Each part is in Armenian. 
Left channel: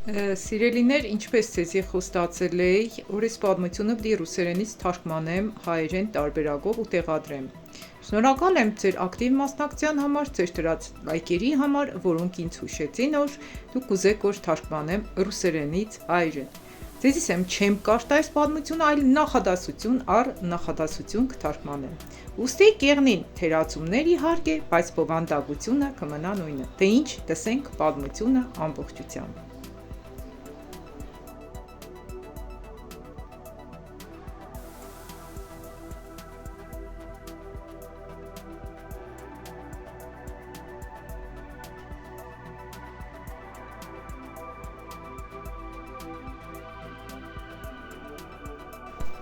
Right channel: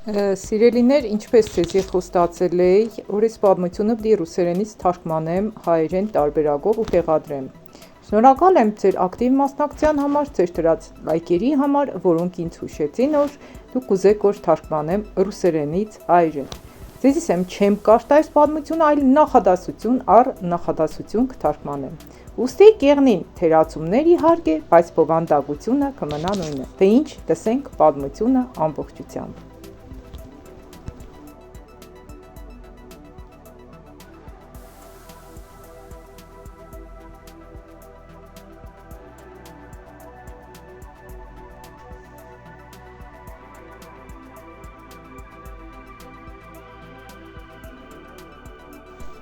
Սիրելիներ, ինչպես ցեզի խոստացել էի, օրից պատմությունը պիտի ռուսերենից թարգմանեմ հայերեն տարբերակով ու տեղադրեմ։ Շնորհակալ եմ ձեր ակտիվ մասնակցության համար, ձեր դրած լայքերի համար, որոնք ինձ հուշեցին, որ դուք կուզեք, որ թարգմանեմ ռուսերենից հայերեն։ Ձեզիս եմ չեմ կարդա այս պատմությունը, այլ նախադասություն առ նախադասություն կթարգմանեմ։ Ուստի կեղնին թերացումներ իհարկե, բայց բովանդակությունը կմնա նույնը։ Թե ինչ, տեսենք պատմությունը ամբողջությամբ։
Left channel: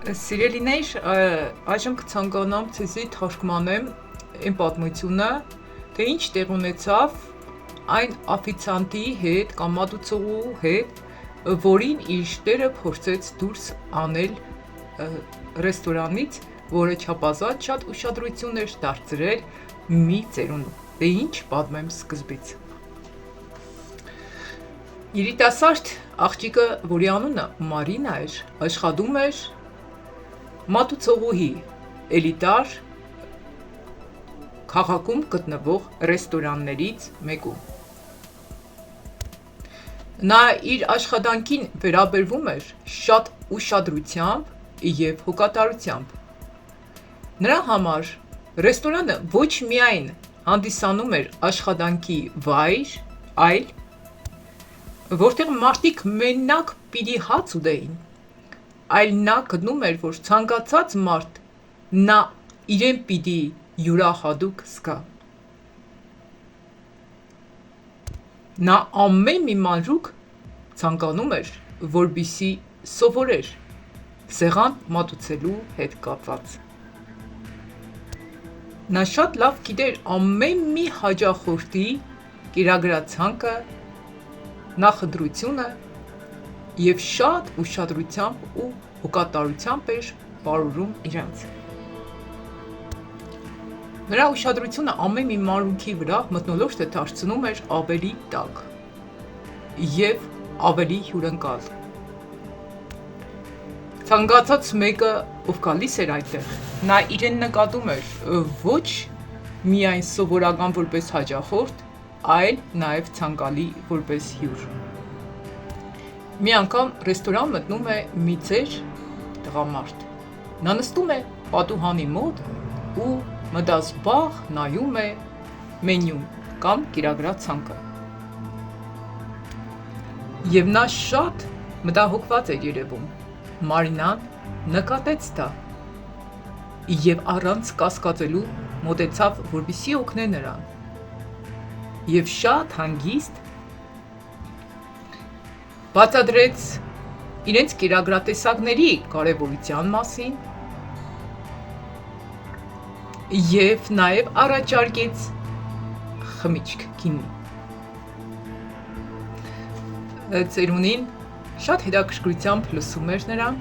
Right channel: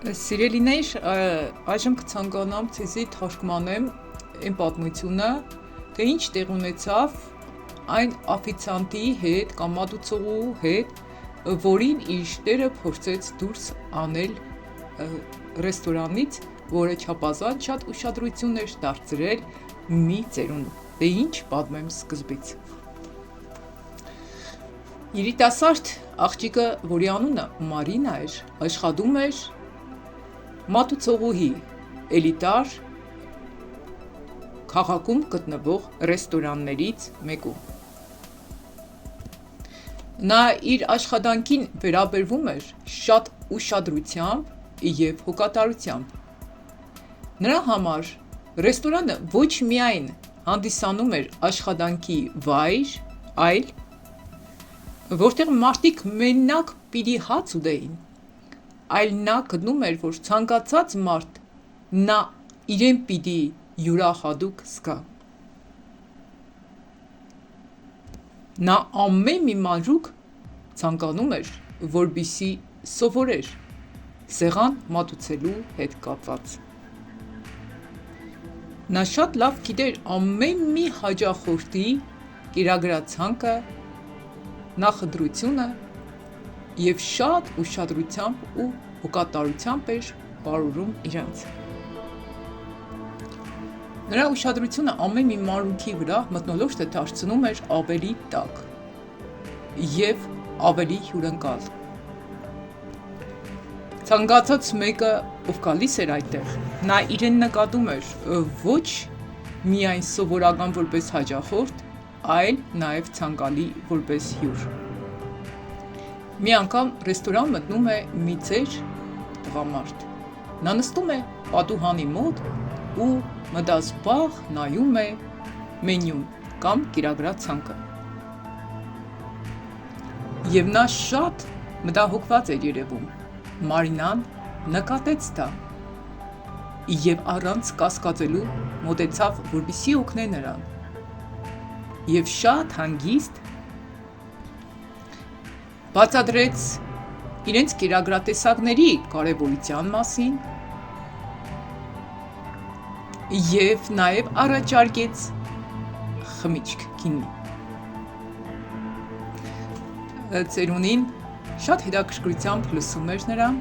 Սիրելիներ, այժմ կցանկանամ ցեզի թարգմանեմ այն պատմությունը, թե ինչ տեղ ունեցավ այն օֆիցիանտի հետ կամ մատուցողու հետ, որին իր տերը փորձեց դուրս անել ռեստորանից, որը չափազանց շատ ուշադրություն էր դարձրել մի ծերունու։ Դե ինչ պատմեմ սկզբից։ Երիտասարդ աղջիկը, որի անունը Մարինա էր, աշխատում էր մատուցողուհի էլիտար քաղաքում գտնվող ռեստորաններից մեկում։ Նա իր աշխատանքին վերաբերվում էր շատ ուշադրությամբ և հոգատարությամբ։ Նրա համար ռեստորանը ոչ միայն հանդիսանում էր աշխատանքի վայր, այլ որտեղ մարդիկ մենակ պիտի հաց ուտեին, այլ նա գտնում էր, որ ցանկացած մարդ նա իրեն պիտի յուրահատուկ զգա։ Նա ամեն մի մանրուք ցանկանում էր, որպեսզի սովորեր սեղան մատուցելու հետ կապված։ Նա շատ լավ գիտեր ամեն մի հաճախորդի կերակրացանկը, նախընտրությունը և շատ ուշադրությամբ ու հոգատարությամբ էր պարուրում իրենց։ Նրա ուշադրությունը ամեն մի մանրուքի վրա մթնոլորտը դարձնում էր ավելի տաք և ավելի հյուրընկալ։ Ցանկացած մեկը, ով գալիս էր այդտեղ, նա իրեն նկատում էր ոչ միայն սովորական որպես հաճախորդ, այլ նաև ցանկալի որպես հյուր։ Մի անգամ ռեստորան մտնում է մի ծեր տղամարդ։ Նա նստում է պատուհանի մոտ ու մտազբաղ նայում է մենյուն կամ կերակրացանկը։ Եվ նա շատ մտահոգված էր երևում։ Մարինան նկատեց դա և առանց կասկածելու մոտեցավ, որպեսզի օգնի նրան։ Եվ շատ հանգիստ բացատրեց իրենց կերակրատեսակների կարևորության մասին և նաև առաջարկեց խմիչք գինի։ Ծերունին շատ հետաքրքրությամբ լսում էր նրան,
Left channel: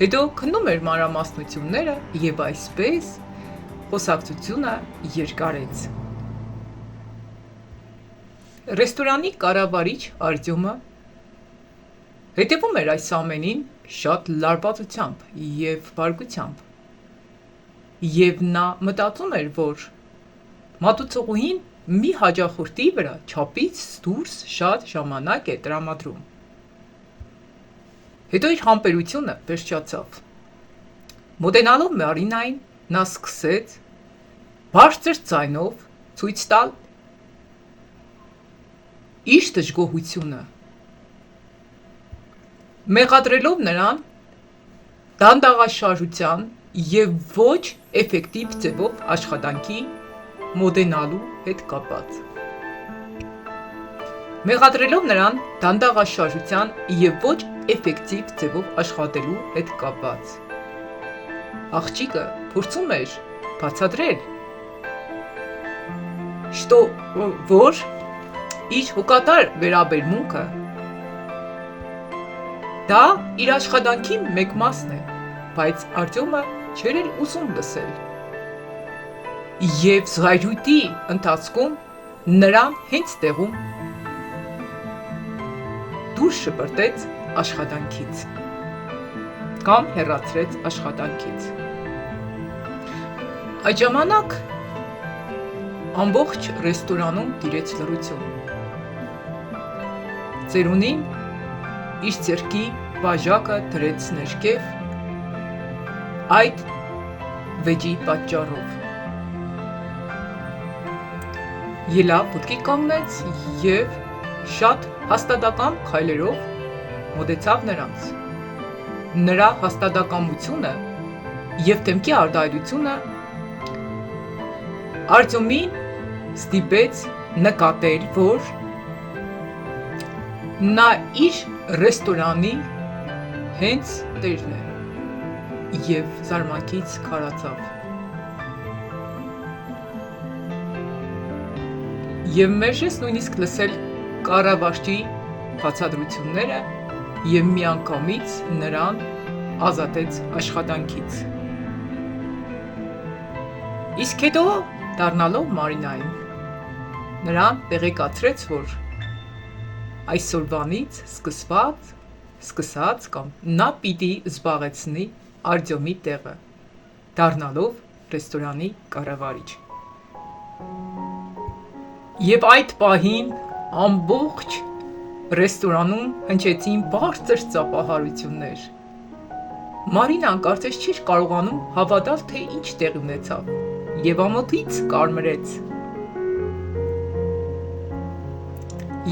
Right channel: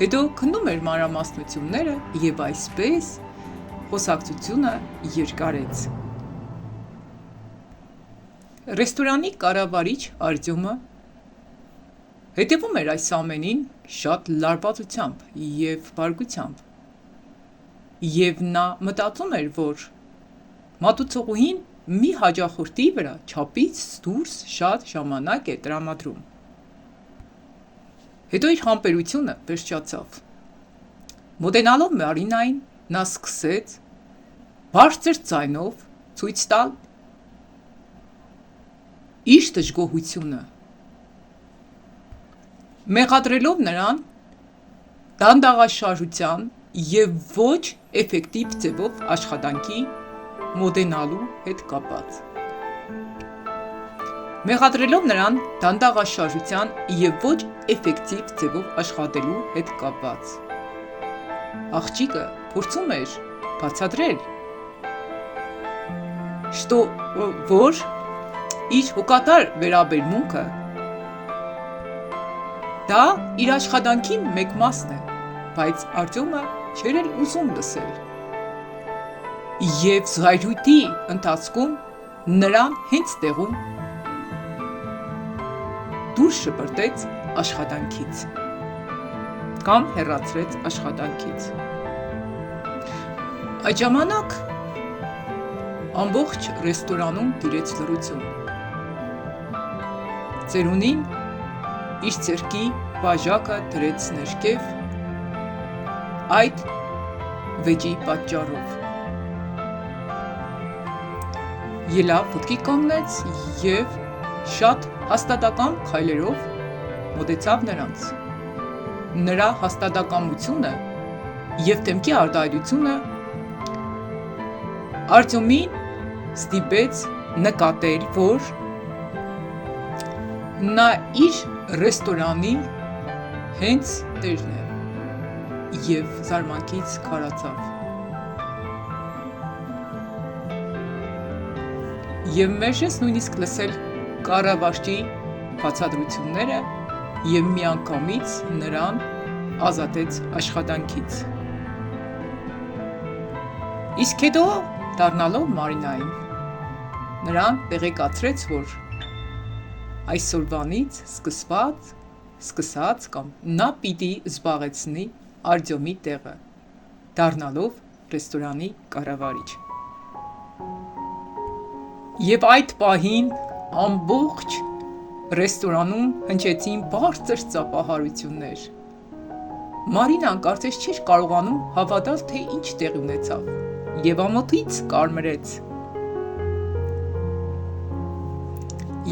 հետո քննում էր մանրամասնությունները և այսպես խոսակցությունը երկարեց։ Ռեստորանի կառավարիչ Արտյոմը հետևում էր այս ամենին շատ լարվածությամբ և բարկությամբ, և նա մտածում էր, որ մատուցողուհին մի հաճախորդի վրա չափից դուրս շատ ժամանակ է տրամադրում։ Հետո իր համբերությունը վերջացավ։ Մոտենալով Մարինային, նա սկսեց բարձր ձայնով ցույց տալ իր դժգոհությունը, մեղադրելով նրան դանդաղաշարժության և ոչ էֆեկտիվ ձևով աշխատանքի մոտենալու հետ կապված։ Մեղադրելով նրան դանդաղաշարժության և ոչ էֆեկտիվ ձևով աշխատելու հետ կապված։ Աղջիկը փորձում էր բացատրել, որ իր հոգատար վերաբերմունքը դա իր աշխատանքի մեկ մասն է, բայց Արտյոմը չէր էլ ուզում լսել։ Եվ զայրույթի ընթացքում նրան հենց տեղում դուրս շպրտեց աշխատանքից կամ հեռացրեց աշխատանքից։ Այդ ժամանակ ամբողջ ռեստորանում տիրեց լռություն։ Ծերունին իր ձեռքի բաժակը դրեց ներքև այդ վեճի պատճառով։ Ելավ, ոտքի կանգնեց և շատ հաստատակամ քայլերով մոտեցավ նրանց։ Նրա հաստատակամությունը և դեմքի արտահայտությունը Արտյոմին ստիպեց նկատել, որ նա իր ռեստորանի հենց տերն է և զարմանքից քարացավ։ Եվ մերժեց նույնիսկ լսել կառավարչի բացատրությունները և միանգամից նրան ազատեց աշխատանքից։ Իսկ հետո դառնալով Մարինային, նրան տեղեկացրեց, որ այսօրվանից սկսած կամ նա պիտի զբաղեցնի Արտյոմի տեղը, դառնալով ռեստորանի կառավարիչ։ Եվ այդ պահին ամբողջ ռեստորանում հնչեցին բարձր ծափահարություններ։ Մարինան կարծես չէր կարողանում հավատալ, թե ինչ տեղի ունեցավ, և ամոթից կարմրեց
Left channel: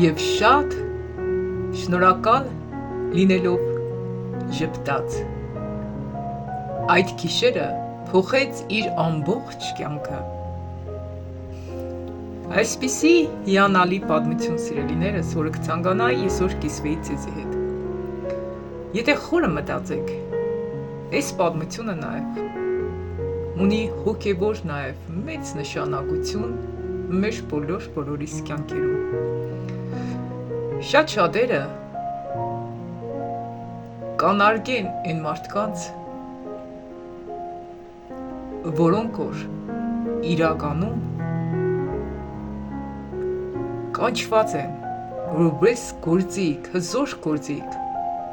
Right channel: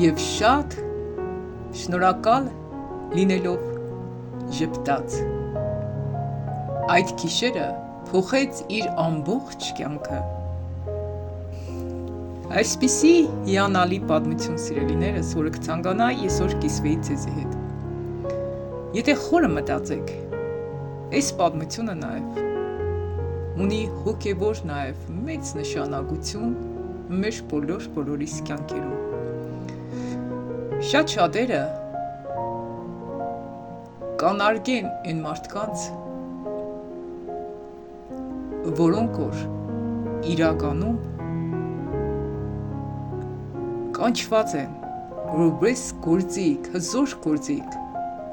և շատ շնորհակալ լինելով ժպտաց։ Այդ գիշերը փոխեց իր ամբողջ կյանքը։ Այսպիսի հիանալի պատմություն, սիրելիներս, որը կցանկանայի այսօր կիսվեի ձեզի հետ։ Եթե խորը մտածեք, այս պատմությունը նաև ունի հոգևոր նաև մեծ նշանակություն մեր բոլորիս կյանքերում։ Շատ շատերը կանարգեն այն մարդկանց, որոնք որ իրականում կանչված են որպես գործիք, հզոր գործիք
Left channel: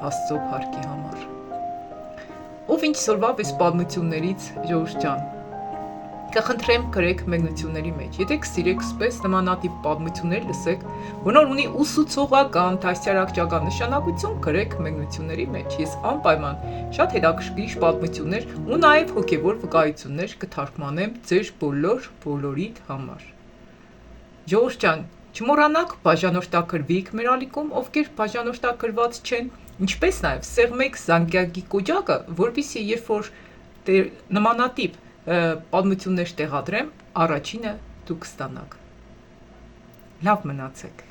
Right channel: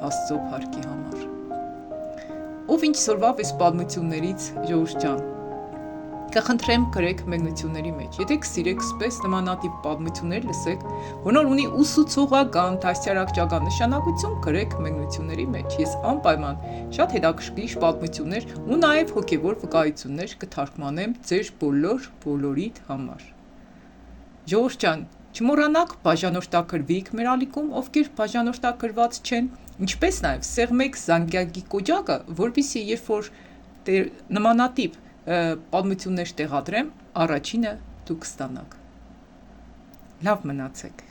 Աստծո փառքի համար։ Ով ինչ սորվավ այս պատմություններից, ժողովուրդ ջան, կխնդրեմ գրեք մեկնությունների մեջ։ Եթե կսիրեք սպես նմանատիպ պատմություններ լսեք, որոնք ունի ուսուցողական, դաստիարակչական նշանակություն, գրեք մեկնությունների մեջ։ Ես անպայման շատ հետաքրքիր պատմություններ ու նաև հոգևոր վկայություններ կթարգմանեմ ձեր բոլորիդ համար։ Ժողովուրդ ջան, չմոռանաք բաժանորդագրվիք մեր ալիքում, ովքեր բաժանորդագրված չեն, ինչպես նաև սեղմեք զանգակի կոճակը, որպեսզի երբ որ նմանատիպ պատմություններ տեղադրեմ, առաջինը դուք ստանաք։ Լավ մնացեք։